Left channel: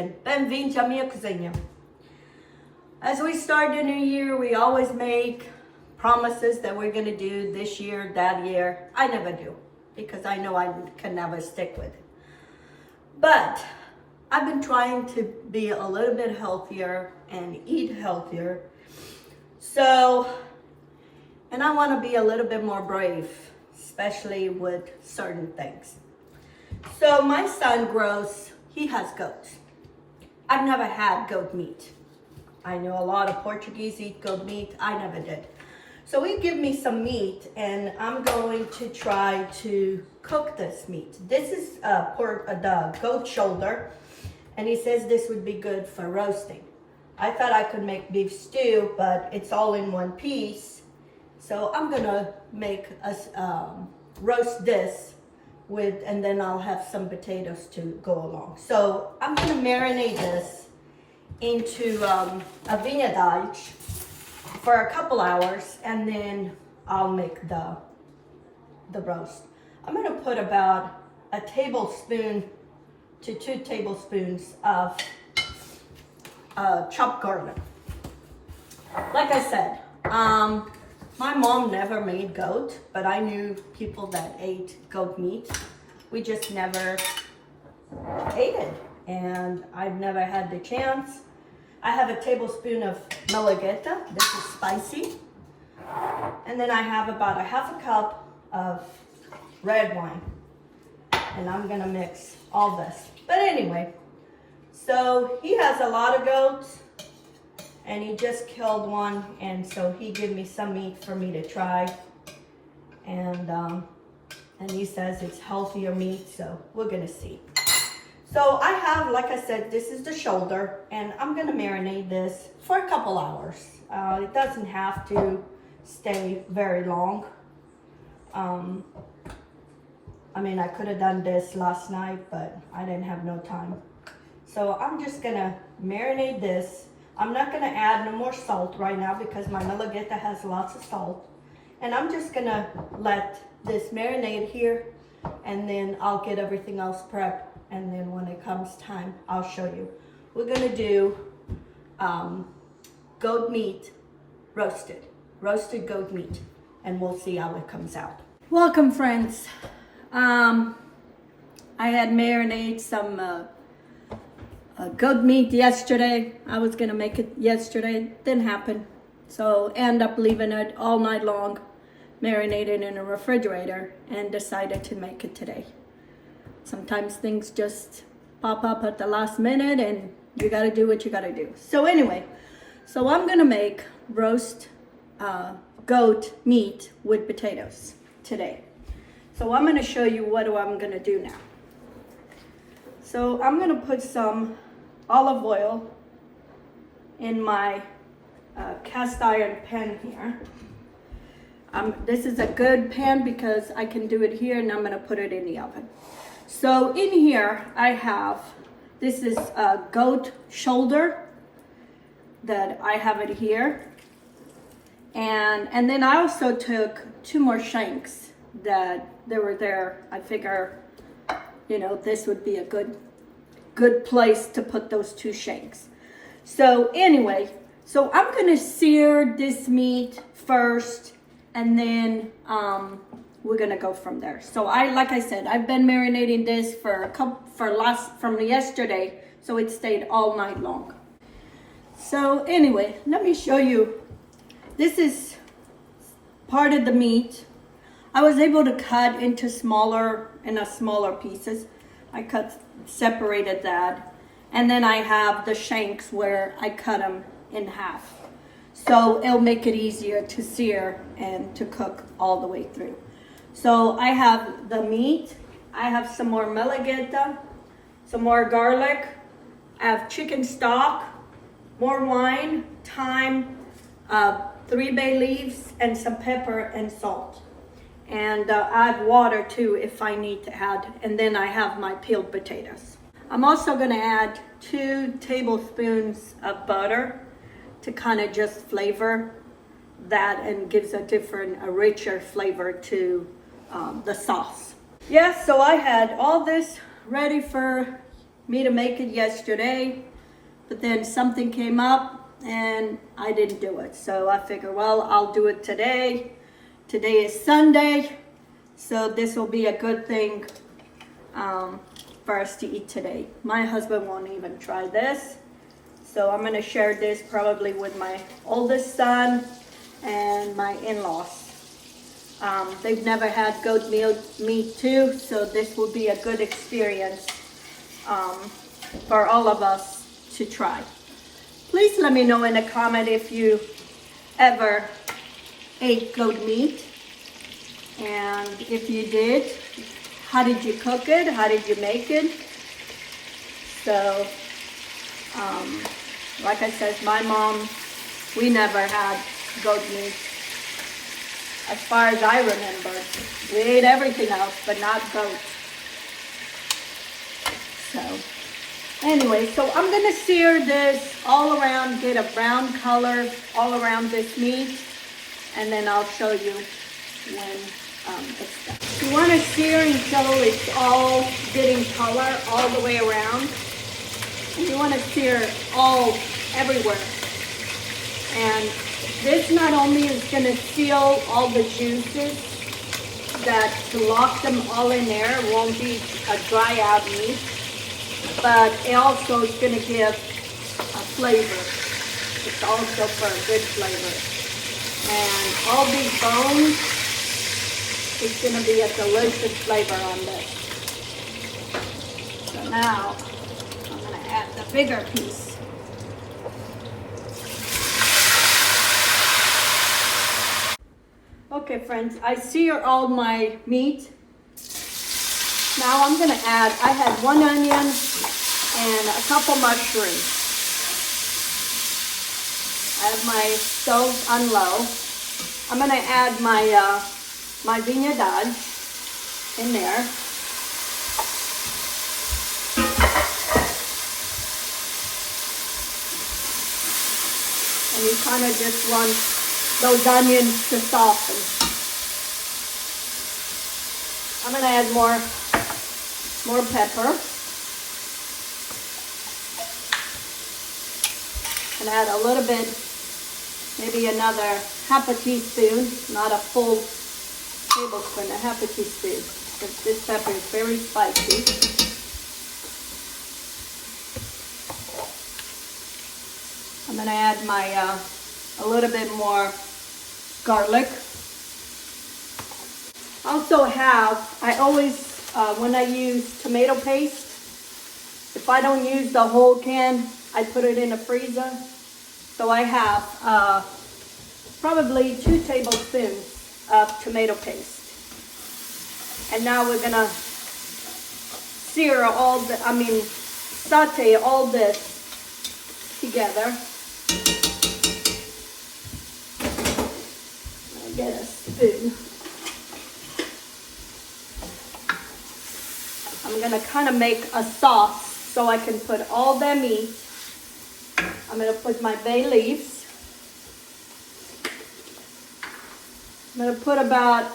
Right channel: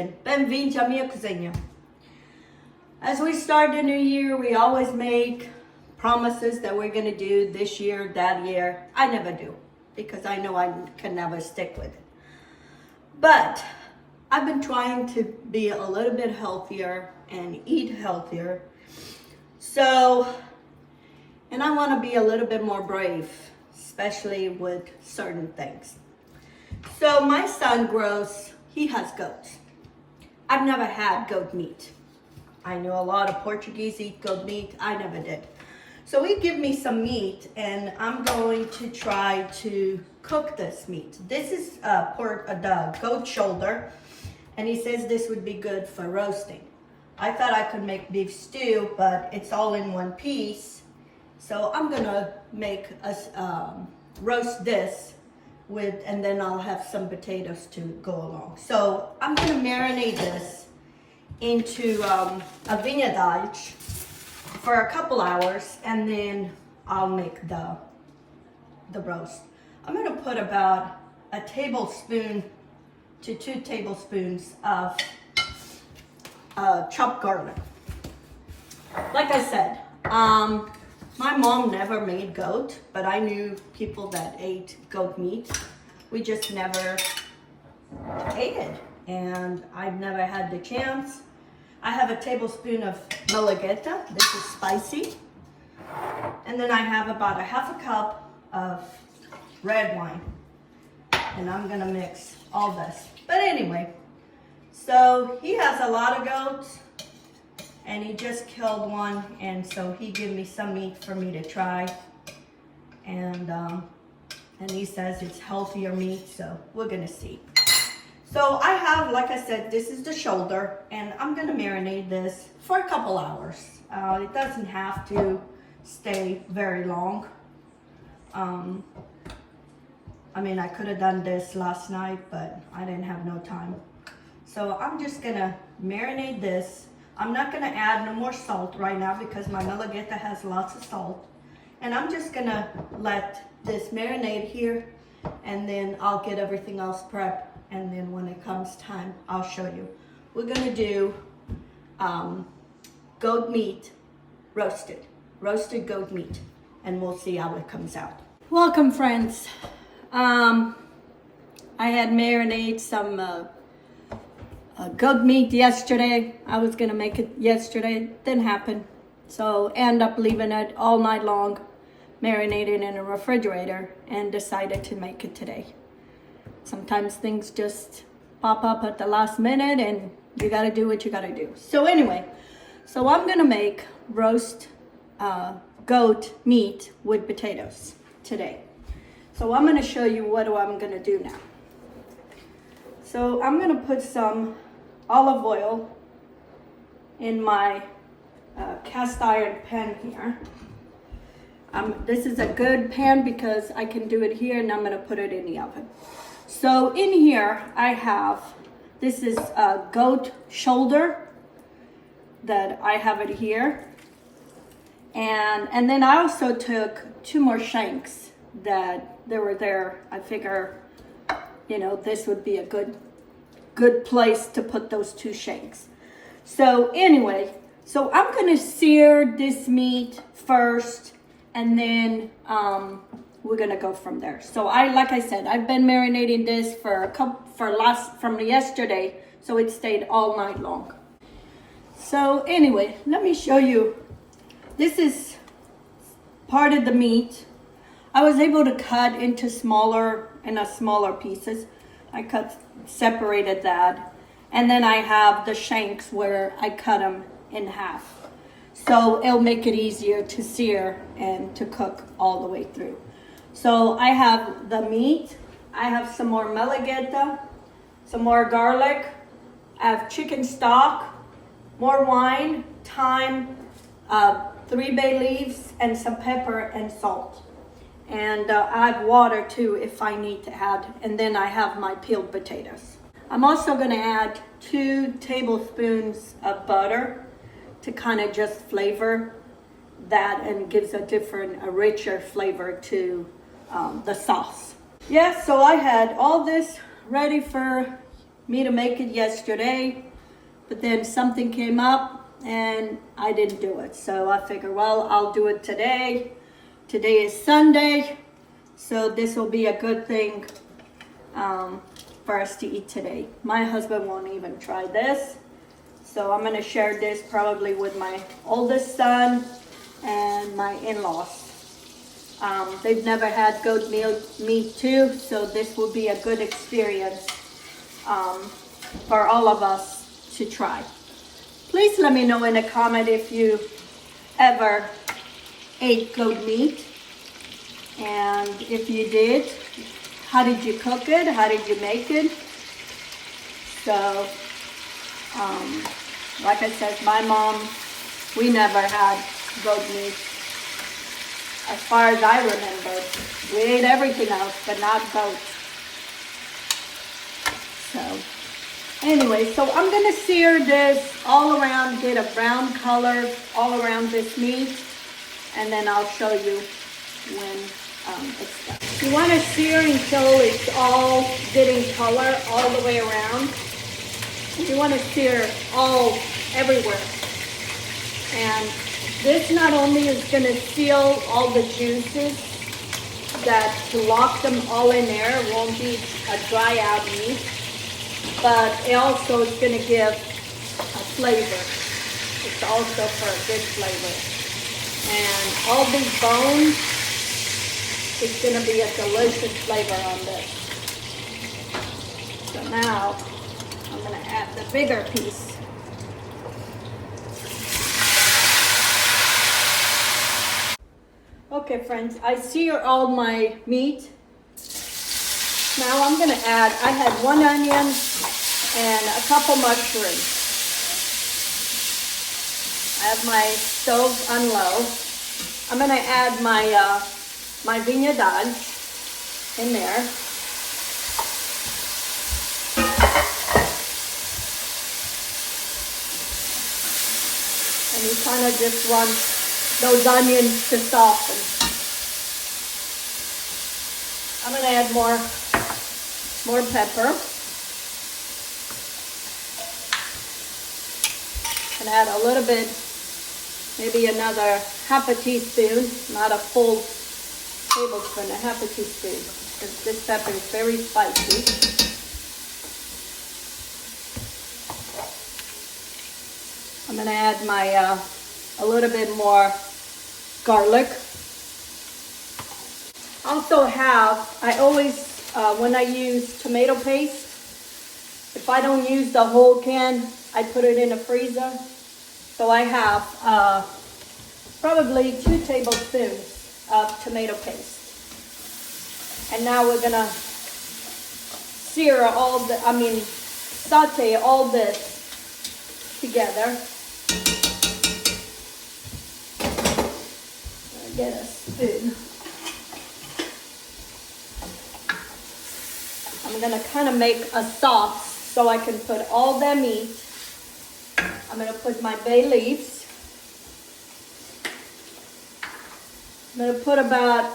kitchen. Bem-vindos à minha cozinha. As we start the new year, we always make promises that we're gonna do this year, that year. I never do, because I know I can never stick with it. But I've been trying to be a little bit healthier and eat healthier. So, and I wanna be a little bit more brave, especially with certain things. So my son he has goats. I've never had goat meat. I know a lot of Portuguese eat goat meat. I never did. So he gave me some meat and I'm going to try to cook this meat. This is the goat shoulder, and he says this would be good for roasting. I thought I could make beef stew, but it's all in one piece. So I'm gonna make us roast this and then I'll have some potatoes to go along. So I'm gonna marinate this into a vinagre for a couple hours, and then I'll make the roast. I'm gonna put about a tablespoon to 2 tablespoons of chopped garlic. Like I said, my mom never made goat, but I knew people that ate goat meat. We just never ate it, and I've never had the chance. I have a tablespoon of malagueta. This is spicy. And then I have about a half a cup of red wine. And I'm gonna mix all this. But anyway, so he has a lot of goats, and he just killed one, and so he gave me some meat for me to try, and he says it's healthier meat, so we're gonna see. So I have, like I said, this is the shoulder, and I'm gonna marinate this for a couple hours. It doesn't have to stay very long. I mean, I could have done this last night, but I didn't have no time. So I'm just gonna marinate this. I'm not gonna add no more salt right now because my malagueta has lots of salt. And I'm just gonna let this marinate here, and then I'll get everything else prepped. And then when it comes time, I'll show you. We're gonna do goat meat roasted goat meat, and we'll see how it comes out. Welcome, friends. I had marinated some goat meat yesterday. I was gonna make it yesterday, it didn't happen. So end up leaving it all night long, marinated in a refrigerator, and decided to make it today. Sometimes things just pop up at the last minute and you gotta do what you gotta do. So anyway, so I'm gonna make roast goat meat with potatoes today. So I'm gonna show you what I'm gonna do now. So I'm gonna put some olive oil in my cast iron pan here. This is a good pan because I can do it here, and I'm gonna put it in the oven. So in here I have, this is a goat shoulder that I have it here. And then I also took 2 more shanks that they were there. I figure, you know, this would be a good place to put those 2 shanks. So anyway, so I'm gonna sear this meat first, and then we're gonna go from there. So like I said, I've been marinating this from yesterday, so it stayed all night long. So anyway, let me show you. This is part of the meat. I was able to cut into smaller pieces. I separated that, and then I have the shanks where I cut them in half. So it'll make it easier to sear and to cook all the way through. So I have the meat, I have some more malagueta, some more garlic, I have chicken stock, more wine, thyme, 3 bay leaves, and some pepper and salt. And add water too if I need to add. And then I have my peeled potatoes. I'm also gonna add 2 tablespoons of butter to kind of just flavor that and gives a richer flavor to the sauce. Yeah, so I had all this ready for me to make it yesterday, but then something came up and I didn't do it. So I figure, well, I'll do it today. Today is Sunday, so this will be a good thing for us to eat today. My husband won't even try this, so I'm gonna share this probably with my oldest son and my in-laws. They've never had goat meat too, so this will be a good experience for all of us to try. Please let me know in a comment if you ever ate goat meat, and if you did, how did you cook it? How did you make it? So, like I said, my mom, we never had goat meat. As far as I remember, we ate everything else, but not goat. So, anyway, so I'm gonna sear this all around, get a brown color all around this meat, and then I'll show you when it's done. You want to sear until it's all getting color all the way around. You want to sear all everywhere. And this not only is going to seal all the juices, that to lock them all in there, it won't be a dry out meat, but it also is going to give a flavor. It's also for a good flavor. And all these bones, it's going to be a delicious flavor on this. So now I'm going to add the bigger piece. Okay friends, I sear all my meat. Now I'm going to add, I had 1 onion and a couple mushrooms. I have my stove on low. I'm going to add my vinaigrette in there. And you kind of just want those onions to soften. I'm going to add more pepper. And add a little bit, maybe another half a teaspoon, not a full tablespoon, a half a teaspoon, because this pepper is very spicy. I'm going to add my a little bit more garlic. Also I always, when I use tomato paste, if I don't use the whole can, I put it in a freezer. So I have probably 2 tablespoons of tomato paste. And now we're gonna saute all this together. I'll get a spoon. I'm gonna kind of make a sauce so I can put all that meat. I'm gonna put my bay leaves. I'm gonna put about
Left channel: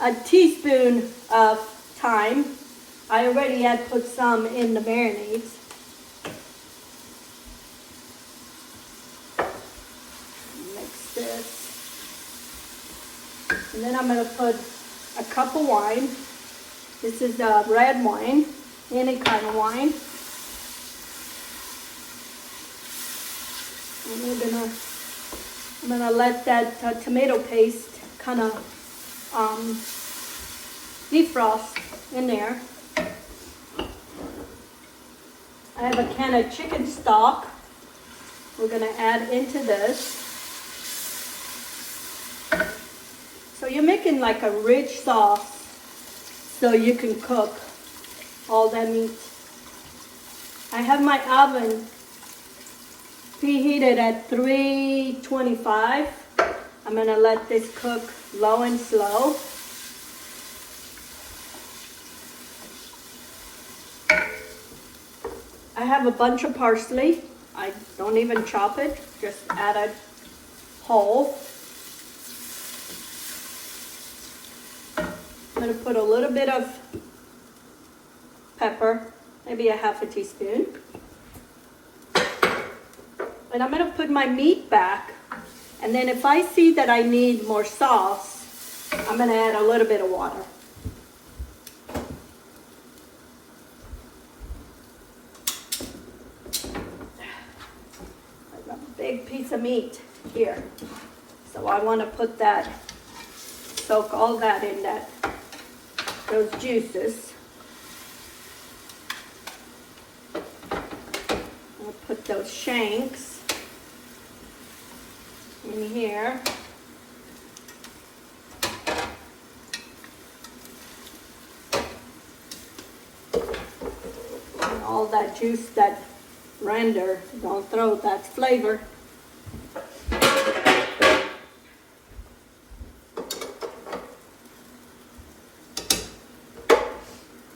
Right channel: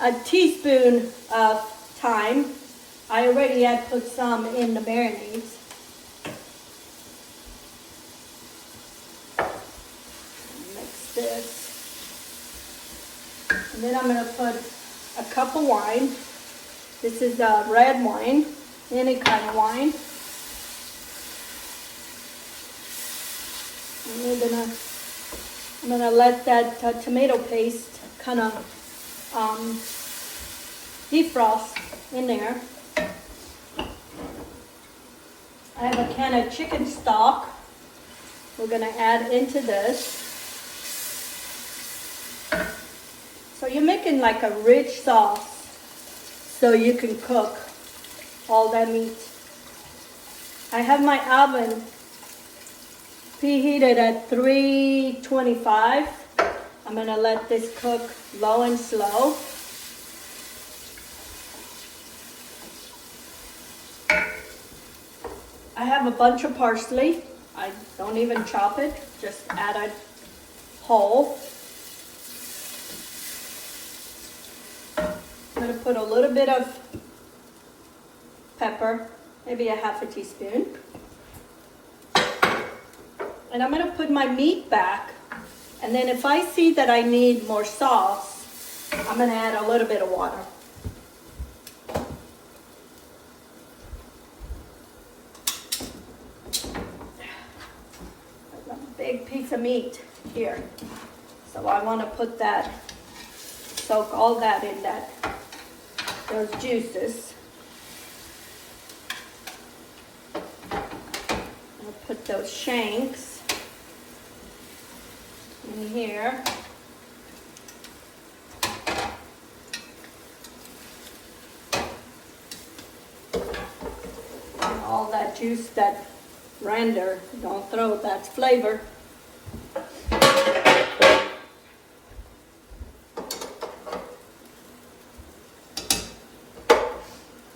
a teaspoon of thyme. I already had put some in the marinades. Mix this. And then I'm gonna put a cup of wine. This is red wine, any kind of wine. And I'm gonna let that tomato paste kind of defrost in there. I have a can of chicken stock we're gonna add into this. So you're making like a rich sauce so you can cook all that meat. I have my oven preheated at 325. I'm gonna let this cook low and slow. I have a bunch of parsley. I don't even chop it, just add it whole. I'm gonna put a little bit of pepper maybe a half a teaspoon. And I'm gonna put my meat back. And then if I see that I need more sauce, I'm gonna add a little bit of water. I've got a big piece of meat here. So I wanna put that, soak all that in those juices. I'll put those shanks in here. And all that juice, that render, don't throw, that's flavor.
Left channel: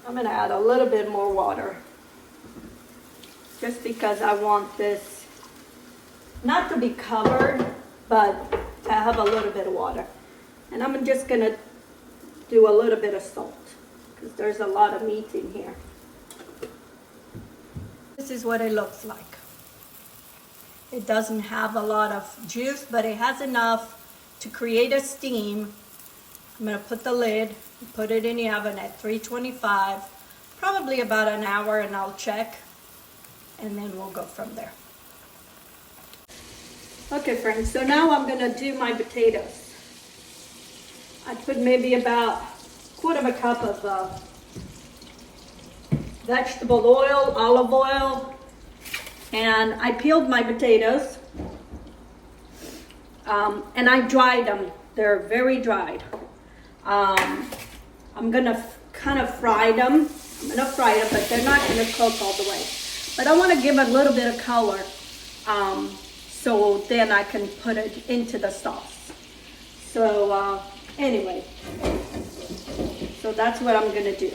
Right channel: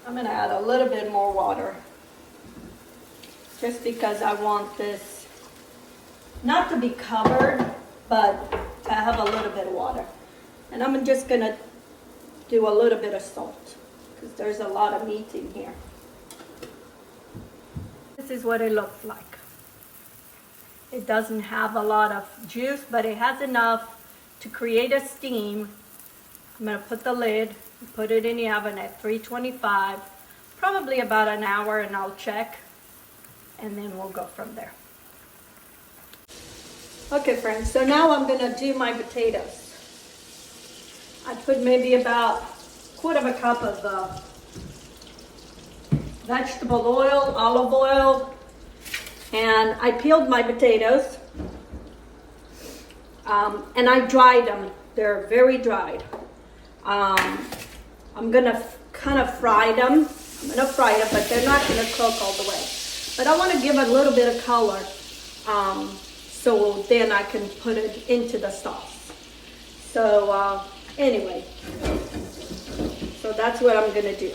I'm gonna add a little bit more water, just because I want this not to be covered, but to have a little bit of water. And I'm just gonna do a little bit of salt, because there's a lot of meat in here. This is what it looks like. It doesn't have a lot of juice, but it has enough to create a steam. I'm gonna put the lid, put it in the oven at 325, probably about an hour, and I'll check, and then we'll go from there. Okay friends, so now I'm gonna do my potatoes. I put maybe about a quarter of a cup of vegetable oil, olive oil, and I peeled my potatoes, and I dried them. They're very dried. I'm gonna kind of fry them. I'm gonna fry them, but they're not gonna cook all the way. But I wanna give a little bit of color, so then I can put it into the sauce. So anyway, so that's what I'm gonna do.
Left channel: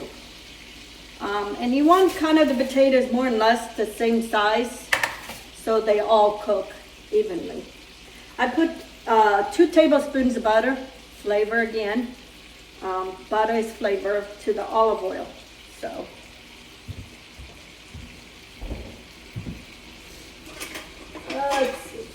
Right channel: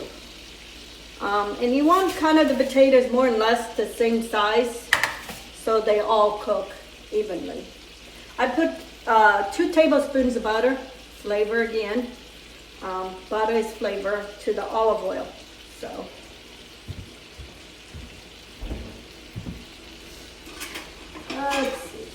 And you want kind of the potatoes more or less the same size, so they all cook evenly. I put 2 tablespoons of butter, flavor again. Butter is flavor to the olive oil. So let's see.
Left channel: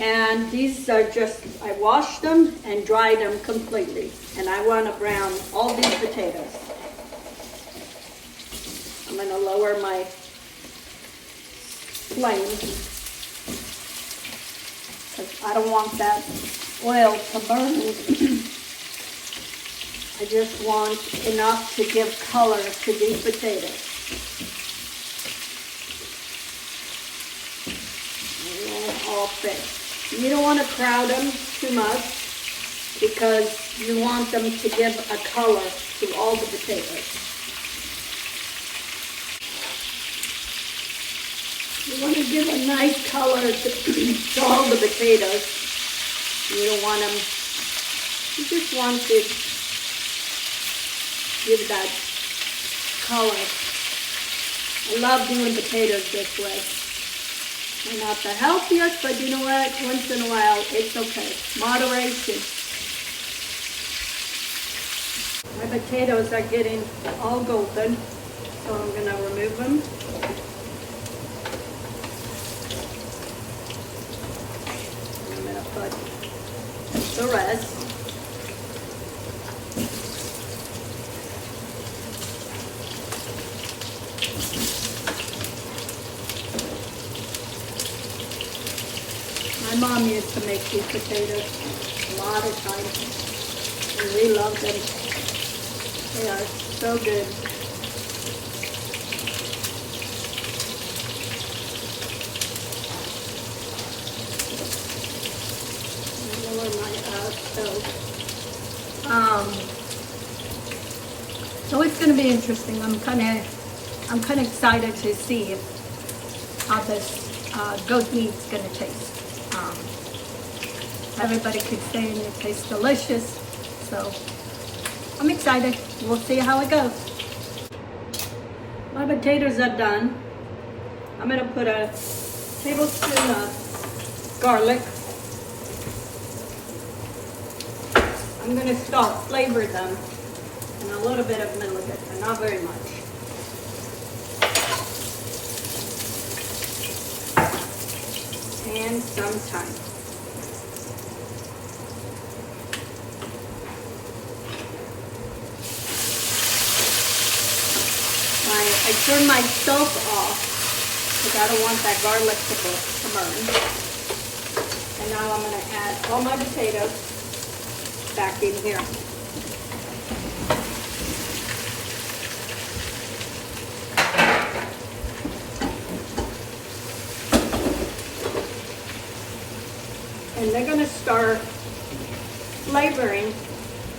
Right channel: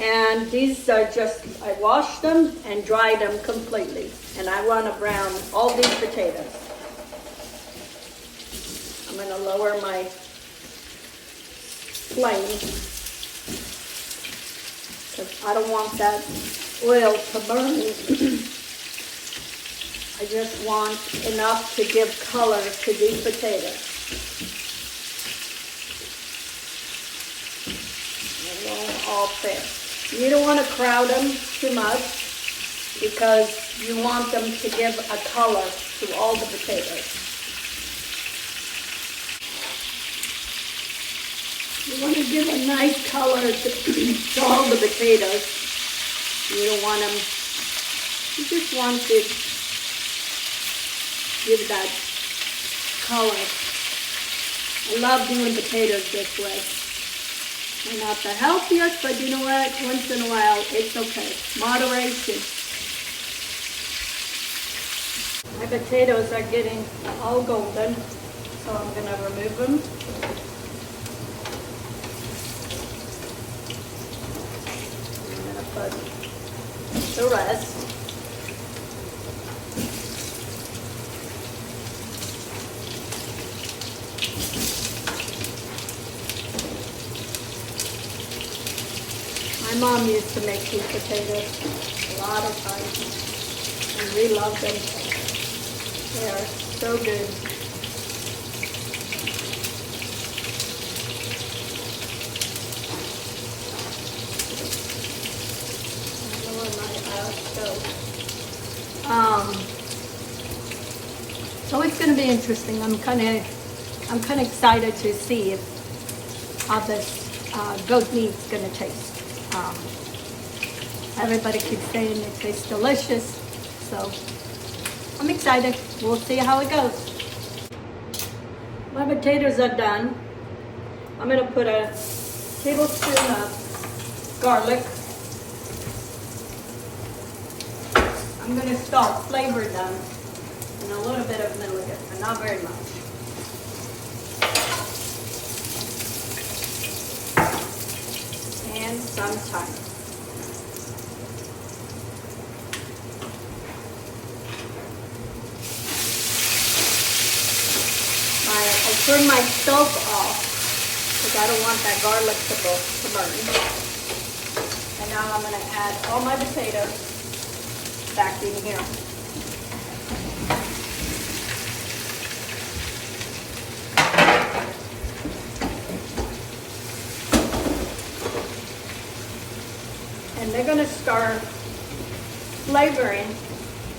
And these are just, I washed them and dried them completely. And I want to brown all these potatoes. I'm going to lower my flame, because I don't want that oil to burn. I just want enough to give color to these potatoes. And then all fit. You don't want to crowd them too much, because you want them to give a color to all the potatoes. You want to give a nice color to all the potatoes. You don't want them, you just want to give that color. I love doing potatoes this way. They're not the healthiest, but you know what? Once in a while, it's okay. Moderation. My potatoes are getting all golden, so I'm going to remove them. I'm going to put the rest. My mom used to make these potatoes a lot of times, and we love them. They are so good. Lower my stove. So it's going to be interesting. I'm kind of excited to see how this goat meat's going to taste. Everybody keeps saying it tastes delicious, so I'm excited. We'll see how it goes. My potatoes are done. I'm going to put a tablespoon of garlic. I'm going to start flavor them And a little bit of malagueta, but not very much. And some thyme. I turned my stove off because I don't want that garlic to burn. And now I'm going to add all my potatoes back in here. And they're going to start flavoring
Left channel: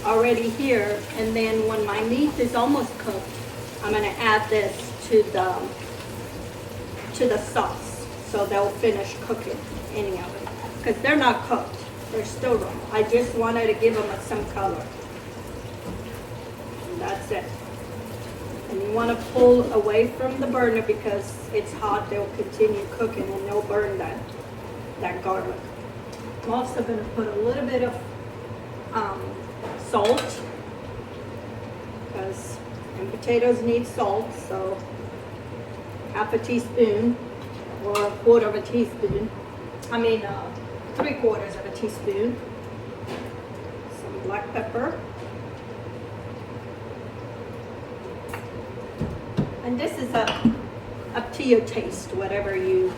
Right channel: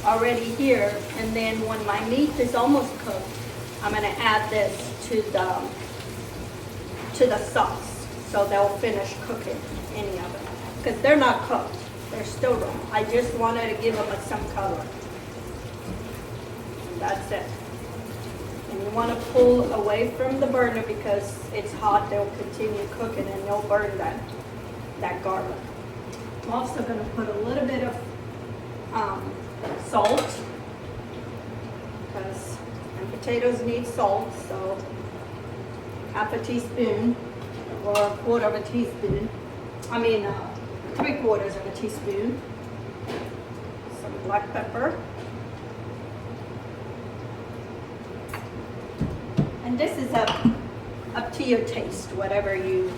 already here. And then when my meat is almost cooked, I'm going to add this to the sauce, so they'll finish cooking any of them. Because they're not cooked, they're still raw. I just wanted to give them some color. And that's it. And you want to pull away from the burner because it's hot. They'll continue cooking and they'll burn that garlic. I'm also going to put a little bit of salt because potatoes need salt, so half a teaspoon or a quarter of a teaspoon. 3/4 of a teaspoon. Some black pepper. And this is up to your taste, whatever you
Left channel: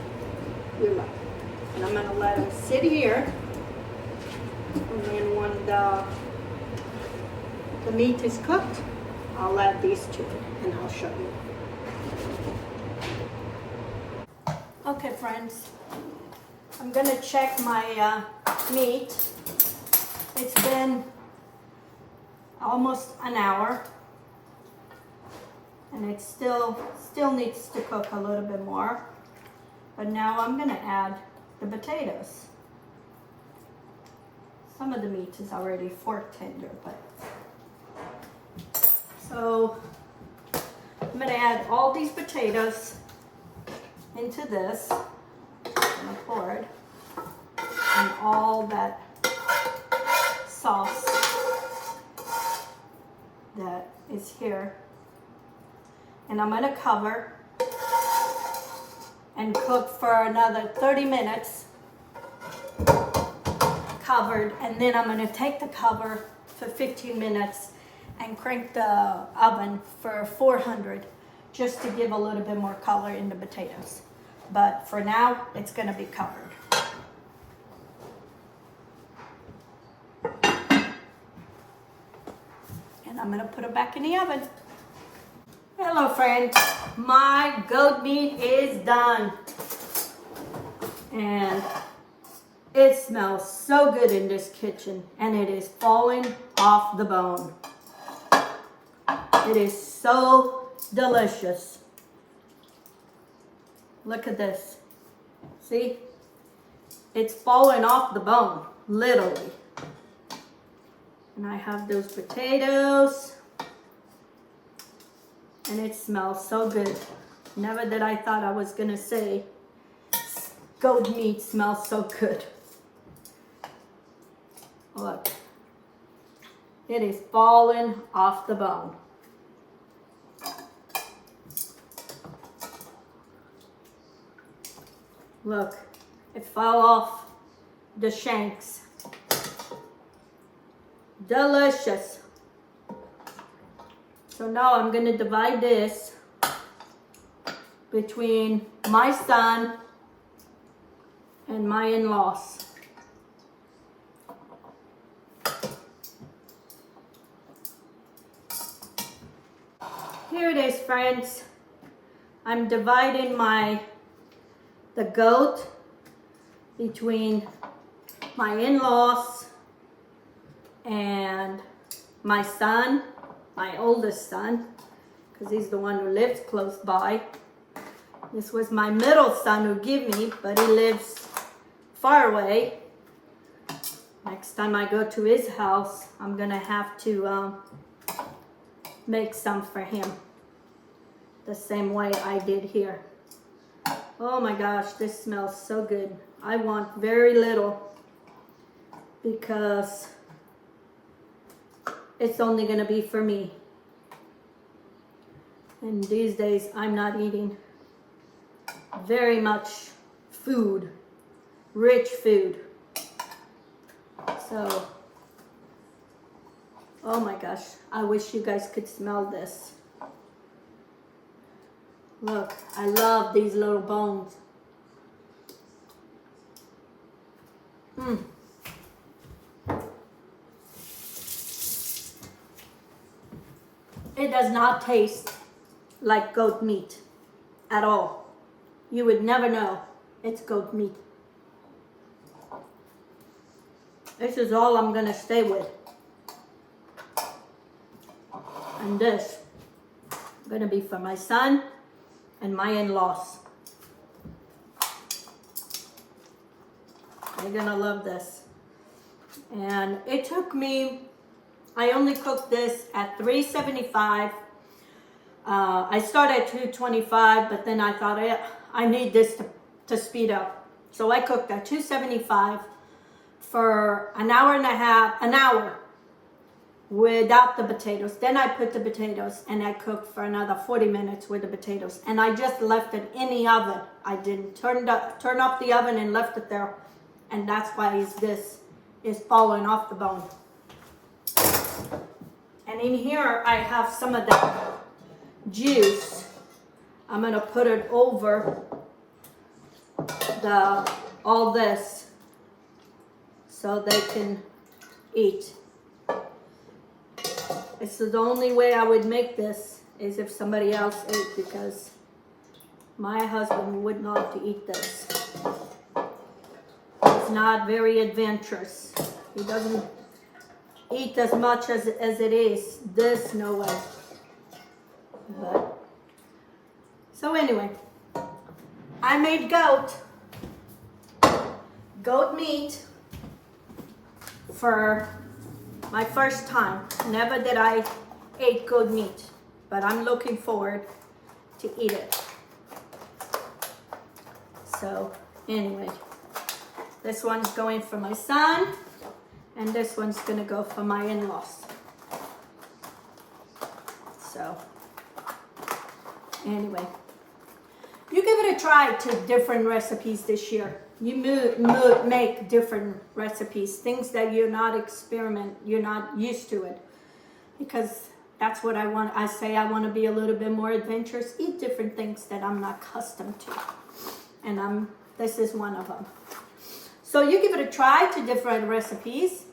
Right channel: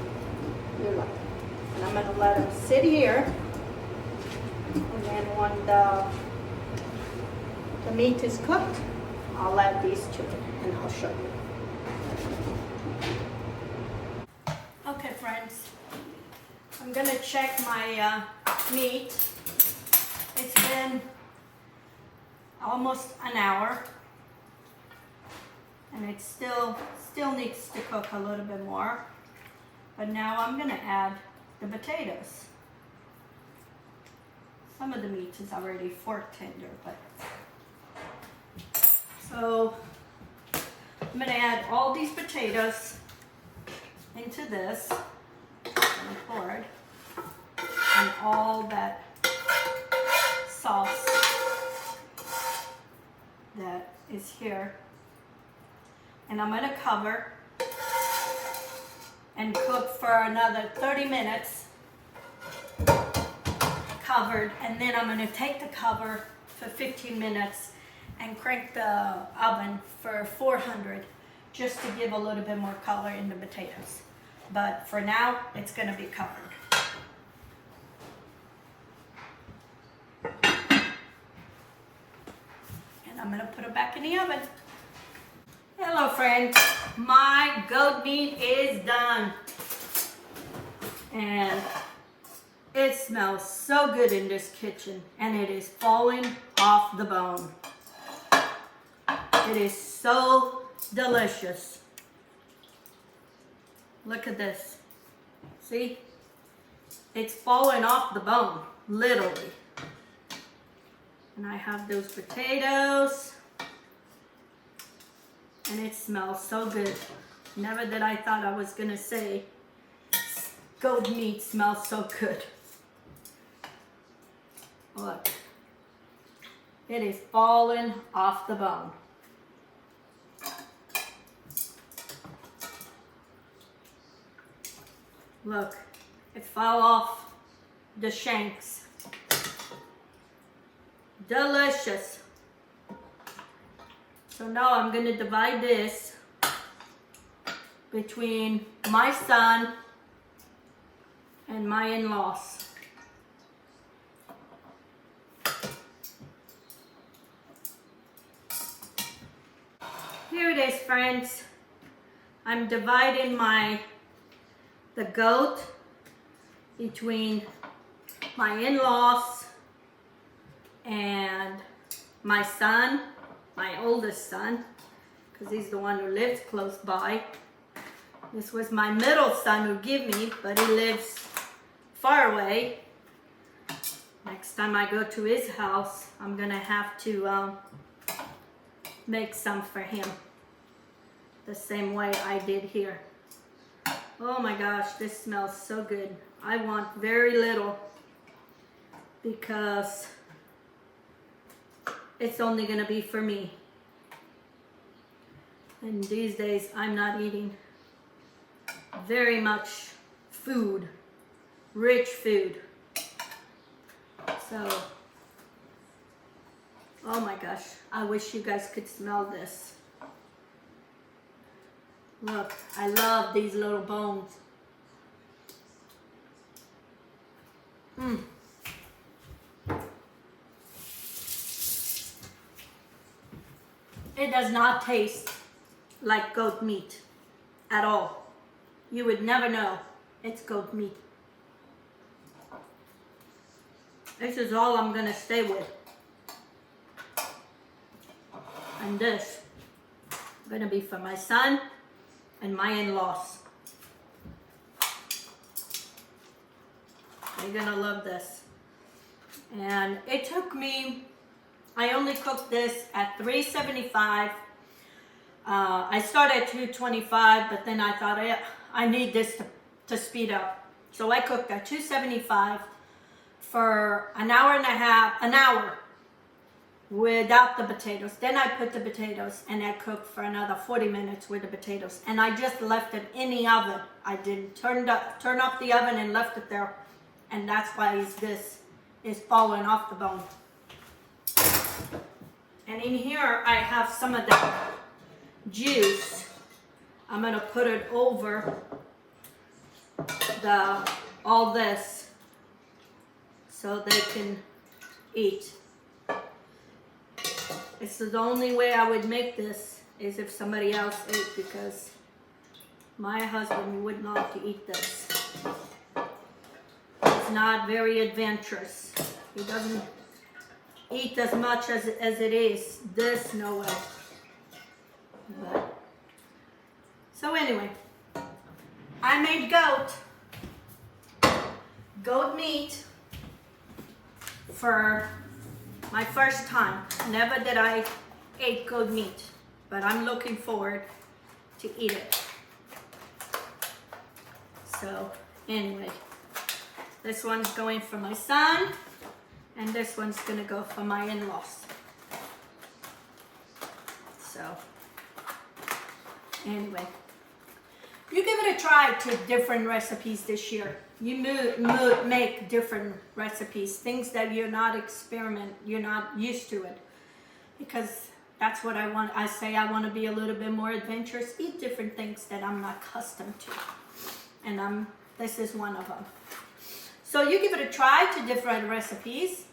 like. And I'm going to let them sit here. And then when the meat is cooked, I'll add these two and I'll show you. Okay, friends, I'm gonna check my meat. It's been almost an hour and it still needs to cook a little bit more. But now I'm gonna add the potatoes. Some of the meat is already fork tender, but so I'm going to add all these potatoes into this. I'm going to pour it. And all that sauce that is here. And I'm going to cover and cook for another 30 minutes. Covered. And then I'm going to take the cover for 15 minutes and crank the oven for 400 just to give a little bit more color in the potatoes. But for now, it's going to be covered. And I'm going to put it back in the oven. Hello friends, my goat meat is done. And it smells so good in this kitchen and it is falling off the bone. It is so delicious. Look at this. See? It's falling off the bone, literally. And I have those potatoes. And it smells so good. Never that I thought I was gonna say goat meat smells so good. Look. It is falling off the bone. Look, it fell off the shanks. Delicious. So now I'm going to divide this between my son and my in-laws. Here it is, friends. I'm dividing the goat between my in-laws and my son, my oldest son, because he's the one who lives close by. This was my middle son who gave me, but he lives far away. Next time I go to his house, I'm gonna have to make some for him, the same way I did here. Oh my gosh, this smells so good. I want very little because it's only gonna be for me. And these days I'm not eating very much food, rich food. So, oh my gosh, I wish you guys could smell this. Look, I love these little bones. It does not taste like goat meat at all. You would never know it's goat meat. This is all I'm gonna stay with. And this is gonna be for my son and my in-laws. They're gonna love this. And it took me, I only cooked this at 375. I started at 225, but then I thought I need this to speed up. So I cooked at 275 for an hour and a half, an hour without the potatoes. Then I put the potatoes and I cooked for another 40 minutes with the potatoes. And I just left it in the oven. I didn't turn off the oven and left it there. And that's why this is falling off the bone. And in here I have some of that juice. I'm gonna put it over all this so they can eat. This is the only way I would make this is if somebody else ate, because my husband would not eat this. He's not very adventurous. He doesn't eat as much as it is. This, no way. But, so anyway, I made goat meat for my first time. Never that I ate goat meat, but I'm looking forward to eat it. So anyway, this one's going for my son, and this one's gonna go for my in-laws. So anyway, you give it a try to different recipes this year. You make different recipes, things that you're not used to it, because that's what I want. I say I want to be a little bit more adventurous, eat different things that I'm not accustomed to, and this is one of them. So you give it a try to different recipes.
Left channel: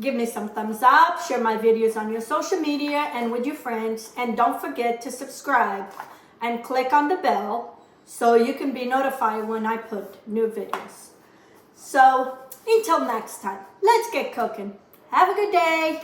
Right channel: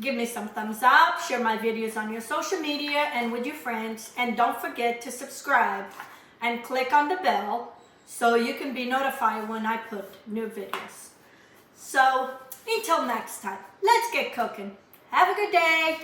Give me some thumbs up, share my videos on your social media and with your friends, and don't forget to subscribe and click on the bell so you can be notified when I put new videos. So until next time, let's get cooking. Have a good day.